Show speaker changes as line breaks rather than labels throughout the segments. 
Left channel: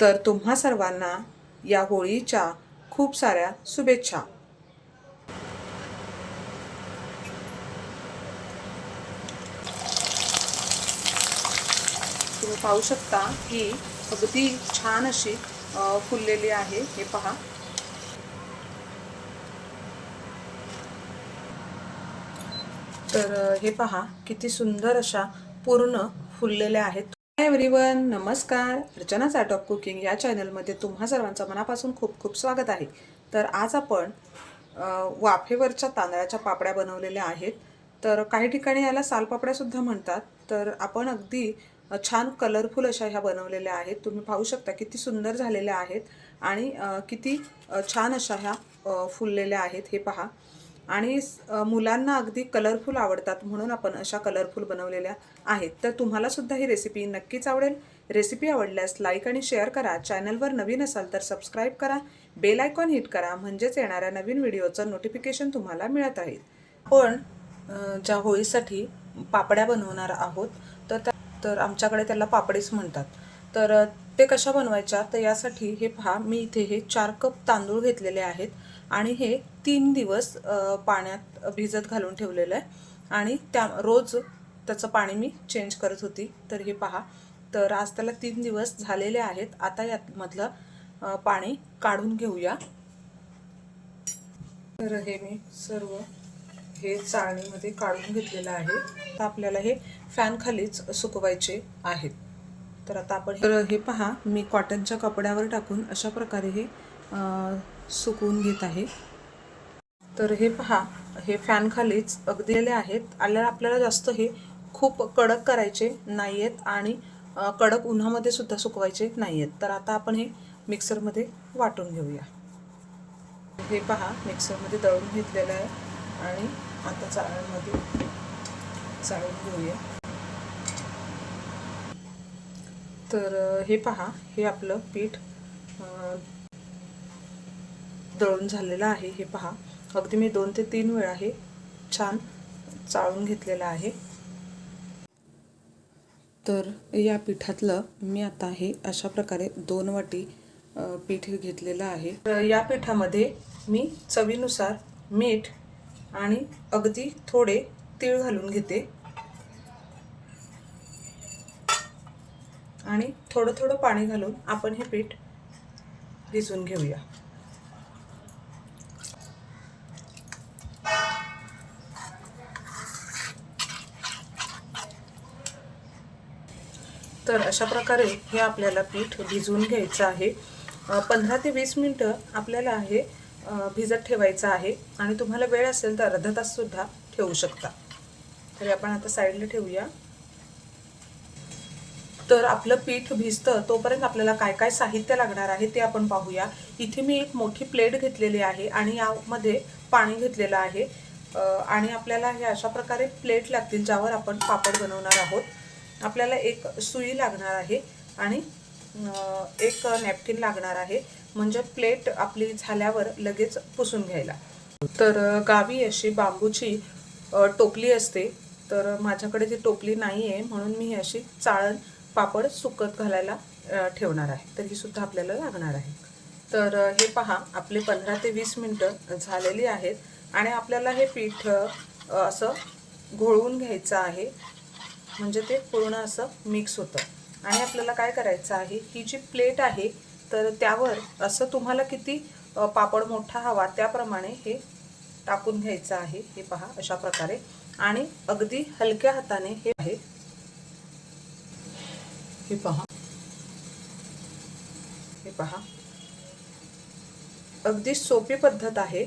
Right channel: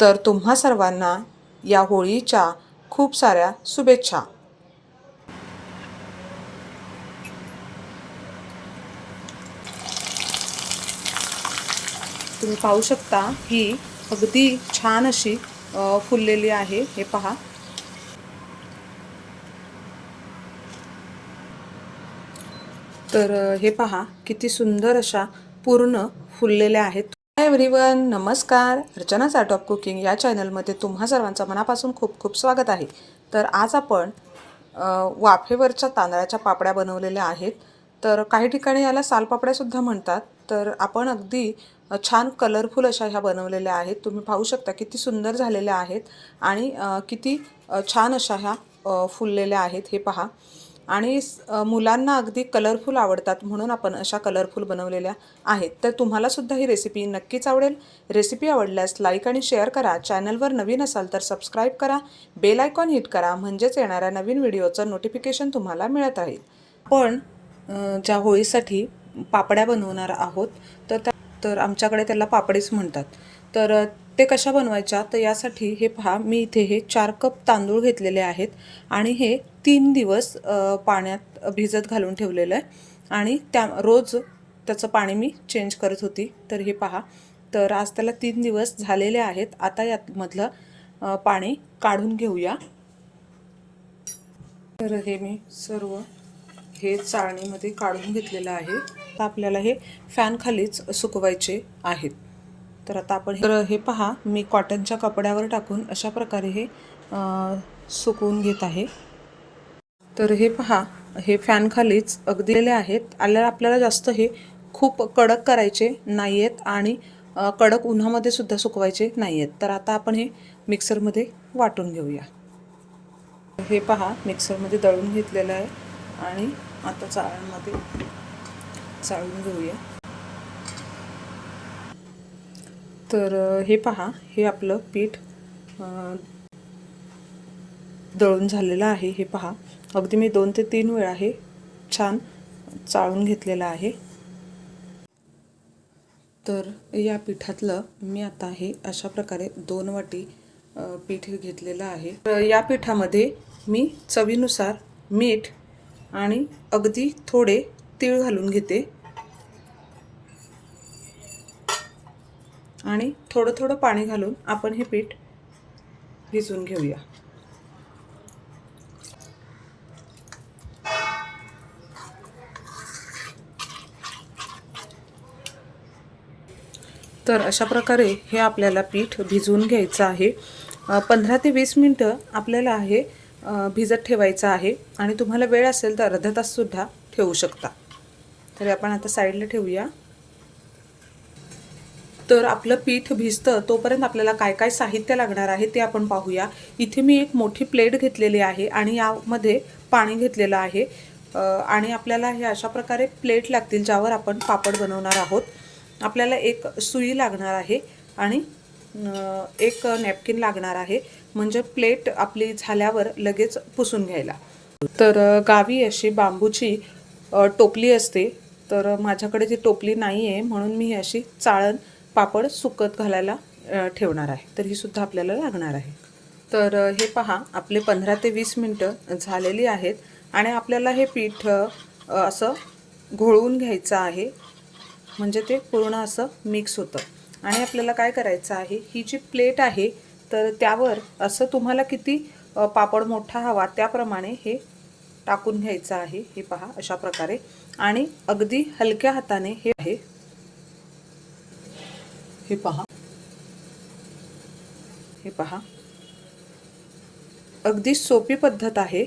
तर तुम्हा सर्वांना या होळीच्या खूप साऱ्या शुभेच्छा. तुम्ही पाहू शकता ही अगदी छान अशी फुललेली आहे. हे पहा. तर हे पहा किती सुंदर अशा पूर्ण फुललेल्या आहेत. हाय एव्हरीवन नमस्कार. अर्चनाच आर्ट ऑफ कुकिंग या चॅनलमध्ये तुम्हा सर्वांचं मनापासून खूप खूप स्वागत आहे. तर आज आपण वाफेवरच्या तांदळाच्या पापड्या बनवलेल्या आहेत. तर काही ठिकाणी याला सालपापड्यासुद्धा म्हणतात. तर आपण अगदी छान कलरफुल अशा ह्या बनवलेल्या आहेत. तुम्ही पाहू शकता किती सुंदर झालेल्या आहेत आणि किती छान अशा ह्या फुललेल्या आहेत. हे पहा. आणि मुलांना अगदी कलरफुल आवडतात म्हणून आपण अशा कलरफुल बनवलेल्या आहेत. तर तुम्हालासुद्धा ही रेसिपी नक्कीच आवडेल. रेसिपी आवडल्यास लाईक आणि शेअर करा. चॅनलवर नवीन असाल तर सबस्क्राईब करा. बेल आयकॉन हिट करा. म्हणजेच येणाऱ्या नवीन व्हिडिओचं नोटिफिकेशन तुम्हाला मिळत राहील. पण ज्या होळीसाठी पापड्या बनवणार आहोत तर त्या तर आमच्याकडे त्याला पापडीच म्हणतात. तर ते कशा बनवायच्या? तर यासाठी हे पहा मी इथे हे चार कप तांदूळ घेतलेले आहेत आणि हे तीन दिवस पाण्यात भिजत घालून ठेवलेलं आहे. आणि त्या रोज त्याचं पाणी मी चेंज करत होती. तर हे पहा. तर आज त्याला तीन दिवस झालेले आहेत. आता यामधलं पाणी काढून घेऊया. तर हे मी सर्व हे चाळणीमध्ये काढून घेतलेलं आहे. तर आपल्याला हे फॅनखालीच सुकवायचे आहेत. तर आता आपण तर हे पहा. मी कॉटनच्या कपड्यावर टाकून अशा प्रकारे हे सुकवून घेत आहे. तर हे पहा हे फॅन खालीच अगदीले आहेत. आल्या आपल्याला जास्त हे खूप कडक करायचे नाही आहेत आणि कडक उन्हामध्ये सुद्धा सुकवायचे नाही आहेत तर आता आपण हे मिक्सरमध्ये वाटून घेऊया. हे पहा मिक्सरमध्ये दळून घेतलेलं आहे आणि आता चाळणमध्ये चाळून घेऊया. तर हे पहा हे आपलं पीठ दळून झालेलं आहे. हे पहा अगदी मी दोन ते तीन वेळा हे छान चाळून घेतलेलं आहे. तर या पिठातलं मी आता हे अशा प्रकारे दोन वाटी पीठ घेतलेलं आहे. तर या पिठामध्ये मी चवीनुसार मीठ आणि अगदी थोडे तीळ घालून घेते. आणि थोडं थोडं पाणी घालून आपण हे पीठ भिजवून घेऊया. तर अशा प्रकारे हे आपल्याला पीठ भिजवून घ्यायचं आहे. पंधरा ते वीस मिनटं आपल्याला हे भिजत ठेवायचं आहे. आणि तुम्हाला वेळ असेल तर अर्धा ताससुद्धा ठेवू शकता. तरी आपण आता साईडला ठेवूया. तर आपलं पीठ भिजतं तोपर्यंत आपल्याला काय काय साहित्य लागणार आहे ते आपण पाहूया. इथे मी एक मोठी प्लेट घेतलेली आहे आणि यामध्ये पाणी घेतलेलं आहे. आणि आपल्याला हे अशा प्रकारे प्लेट लागतील ज्यावर आपण पापड बनवणार आहोत. आपल्याला एक सुई लागणार आहे आणि एक नॅपकिन लागणार आहे. म्हणजे प्लेट आपली झाल्यावर लगेच पुसून घ्यायला. तर गावी अशी बांबूची टोपली असते. तर माझ्याकडे ती टोपली नाही आहे म्हणून मी अशी चाळण पापड सुकत घालायला ठेवणार आहे. तर ही सुद्धा आपल्याला लागणार आहे. तर हे पहा आपले पंधरा ते वीस मिनटं झालेली आहेत. आणि आपल्याला हे पीठ असं घोळवून घ्यायचं आहे. म्हणजे ते पूर्ण असं मिक्स होतं. आणि आपल्याला काय करायचं आहे ही जी प्लेट आहे तर त्यावर असं तुम्हाला किती पापड मोठा हवा त्याप्रमाणे हे टाकून घ्यायचं आहे हे पहा अशा प्रकारे. आणि अगदी हलक्या हाताने हे आहे. हे पहा. हे पहा. अगदी सोपी पद्धत आहे.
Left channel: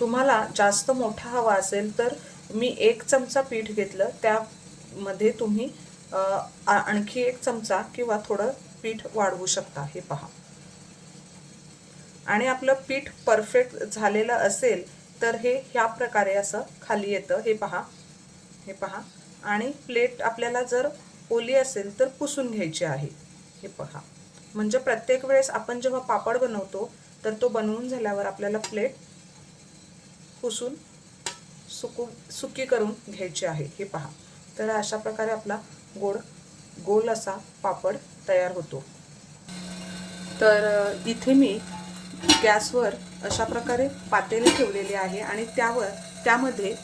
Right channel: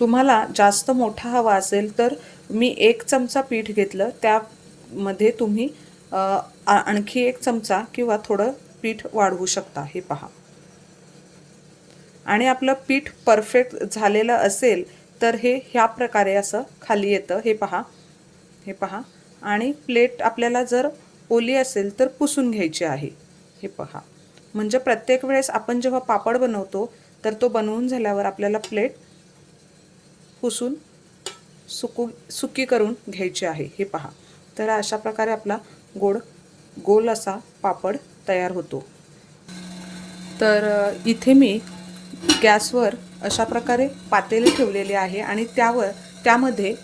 तुम्हाला जास्त मोठा हवा असेल तर मी एक चमचा पीठ घेतलं. त्यामध्ये तुम्ही आणखी एक चमचा किंवा थोडं पीठ वाढवू शकता. हे पहा. आणि आपलं पीठ परफेक्ट झालेलं असेल तर हे ह्या प्रकारे असं खाली येतं. हे पहा. हे पहा. आणि प्लेट आपल्याला जर ओली असेल तर पुसून घ्यायची आहे. हे पहा. म्हणजे प्रत्येक वेळेस आपण जेव्हा पापड बनवतो तर तो बनवून झाल्यावर आपल्याला प्लेट पुसून सुकू सुकी करून घ्यायची आहे हे पहा. तर अशा प्रकारे आपला गोड गोल असा पापड तयार होतो. तर इथे मी गॅसवर अशा प्रकारे पातेली ठेवलेली आहे आणि त्यावर त्यामध्ये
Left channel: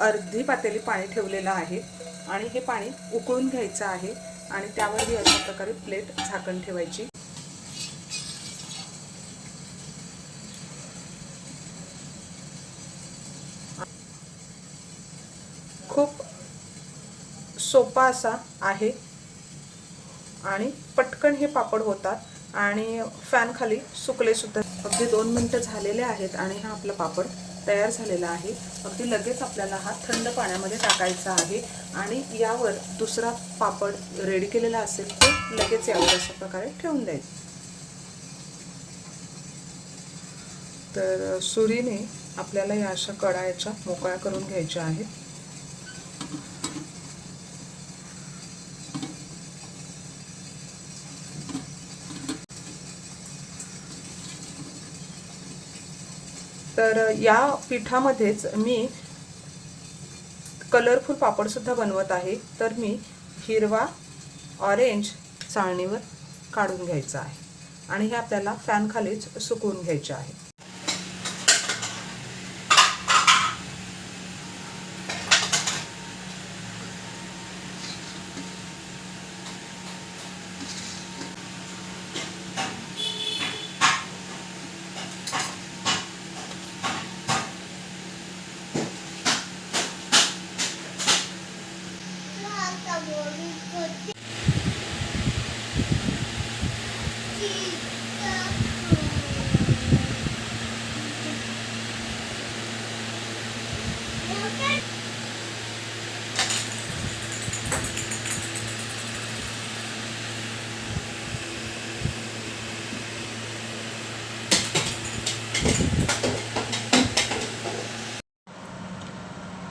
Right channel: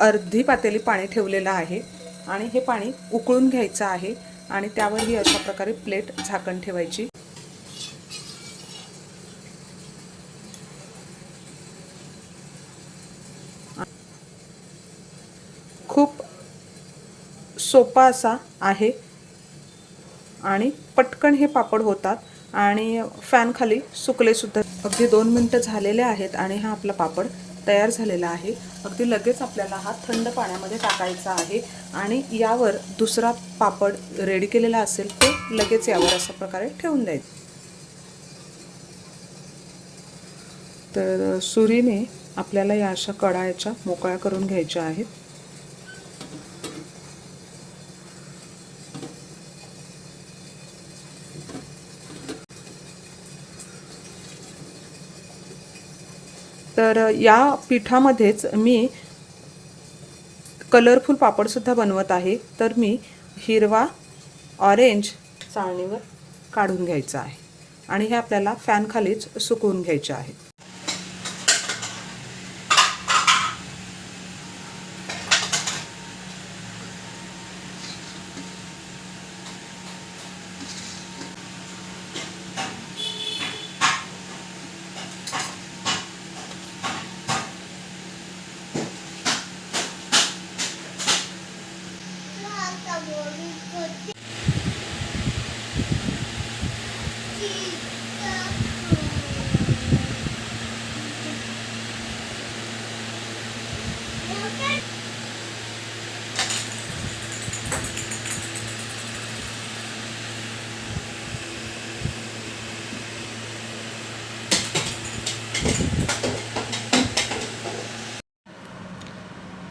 अर्धी पातेली पाणी ठेवलेलं आहे आणि हे पाणी उकळून घ्यायचं आहे आणि त्यावर ही अशा प्रकारे प्लेट झाकण ठेवायची खूप सोपा असा आहे. आणि पटकन हे पापड होतात. आणि फॅनखाली सुकलेसुद्धा अगदी दोन मिनटं झालेले आहेत आणि हा आपला पापड तयार झालेला आहे. अगदी लगेच आपल्याला हा थंड पाण्यामध्ये टाकायचा आहे. आणि यावर दुसरा पापड रेडी केलेला असेल तो लगेच यावर अशा प्रकारे ठेवून द्यायचं. तर सुरीने आपल्याला या अशा कडायच्या मोकळ्या करून घ्यायच्या आहेत. तर या पिठामध्येच मी कलरफुल पापडसुद्धा बनवत आहे. तर मी हिरवा ऑरेंज चाळणीवर काढून घ्यायचा आहे. आणि हे आपल्याला फॅनखालीच सुकवून घ्यायचे आहेत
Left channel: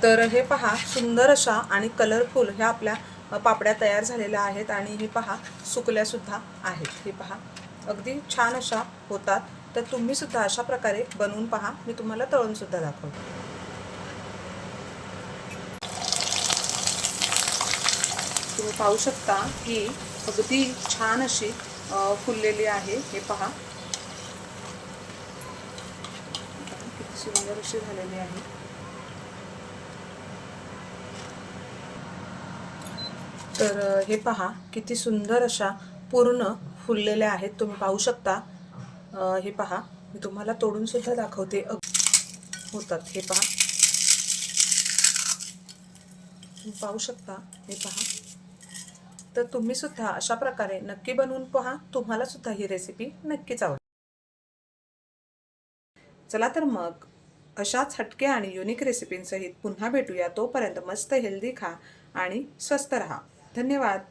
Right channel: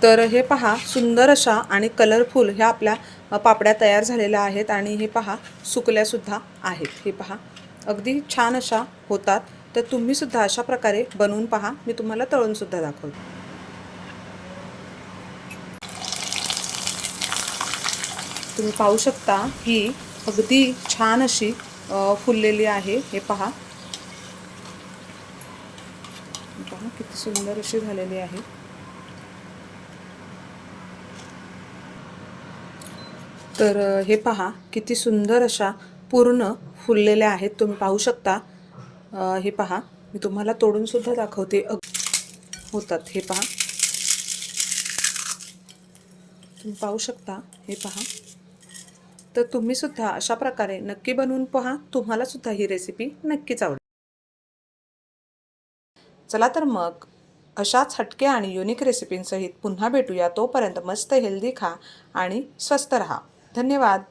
तर हे पहा सुंदर अशा आणि कलरफुल ह्या आपल्या पापड्या तयार झालेल्या आहेत आणि हे पहा सुकल्यासुद्धा आहेत. हे पहा अगदी छान अशा होतात. तर तुम्ही सुद्धा अशा प्रकारे बनवून पहा. मी तुम्हाला तळूनसुद्धा दाखवते. तुम्ही पाहू शकता ही अगदी छान अशी फुललेली आहे. हे पहा किती सुंदर अशी झालेली आहे. तर हे पहा किती सुंदर अशा पूर्ण फुललेल्या आहेत. तुम्ही पाहू शकता. हे पहा मी तुम्हाला तोडून सुद्धा दाखवते. अग- होतात. हे पहा. तुम्ही पाहू शकता. हे पहा. तर तुम्ही सुद्धा अशा प्रकारे नक्की बनवून पहा. तुम्हाला सुद्धा ही रेसिपी नक्कीच आवडेल. चला तर मग अशाच हटके आणि युनिक रेसिपींसहित पुन्हा भेटूया. तोपर्यंत मस्त हेल्दी खा आणि स्वस्त रहा. धन्यवाद.